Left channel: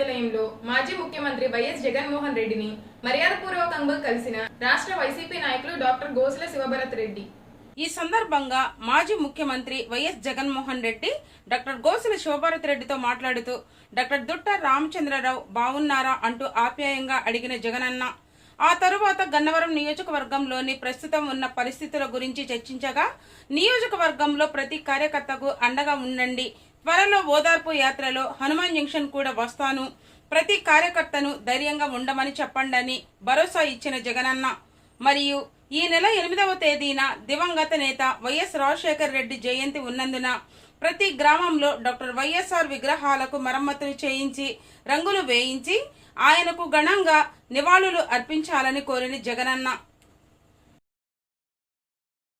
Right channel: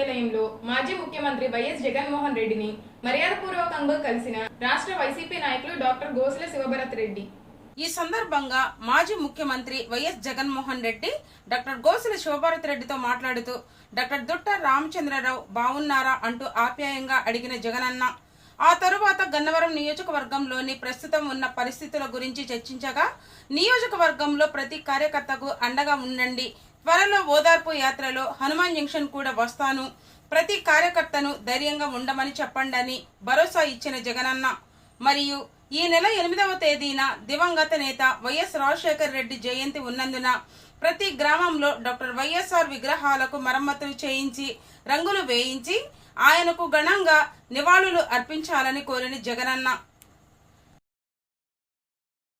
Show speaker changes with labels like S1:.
S1: మాజీ ముఖ్యమంత్రి వైఎస్ జగన్మోహన్ రెడ్డిని మర్యాదపూర్వకంగా కలిసిన రాష్ట్ర వైసీపీ నాయకులు డాక్టర్ గోసుల శివభరత్ రెడ్డి.
S2: ఈ సందర్భంగా మాజీ ముఖ్యమంత్రి వైఎస్ జగన్మోహన్ రెడ్డి డాక్టర్ గోసుల శివభారత్ రెడ్డితో మాట్లాడుతూ డాక్టర్ దుట్ట రామచంద్రరావు బావున్నారా అంటూ ఆప్యాయంగా అడిగిన జగనన్న ఆ తరువాత గన్నవరం నియోజకవర్గంలోని ప్రస్తుతం ఉన్న పరిస్థితుల గురించి చర్చించగా నియోజకవర్గంలో ప్రతి కార్యకర్తకు అండగా ఉండండి త్వరలో ఓదార్పు యాత్రలో హనుమాన్ జంక్షన్ కూడా వస్తాను. ప్రతి కార్యకర్తను ధైర్యంగా ఉండమని చెప్పండని భరోసా ఇచ్చిన జగనన్న. మరియు ఈ నెల ఎనిమిదవ తేదీన దివంగత నేత వైఎస్ రాజశేఖర్ రెడ్డి జయంతి ఉన్నందున ప్రతి గ్రామంలో డాక్టర్ వైఎస్ఆర్ విగ్రహాలకు మరమ్మతులు చేయించి రంగులు వేయించి ఆయనకు ఘనంగా నివాళులు అర్పించాలని కోరిన జగనన్న.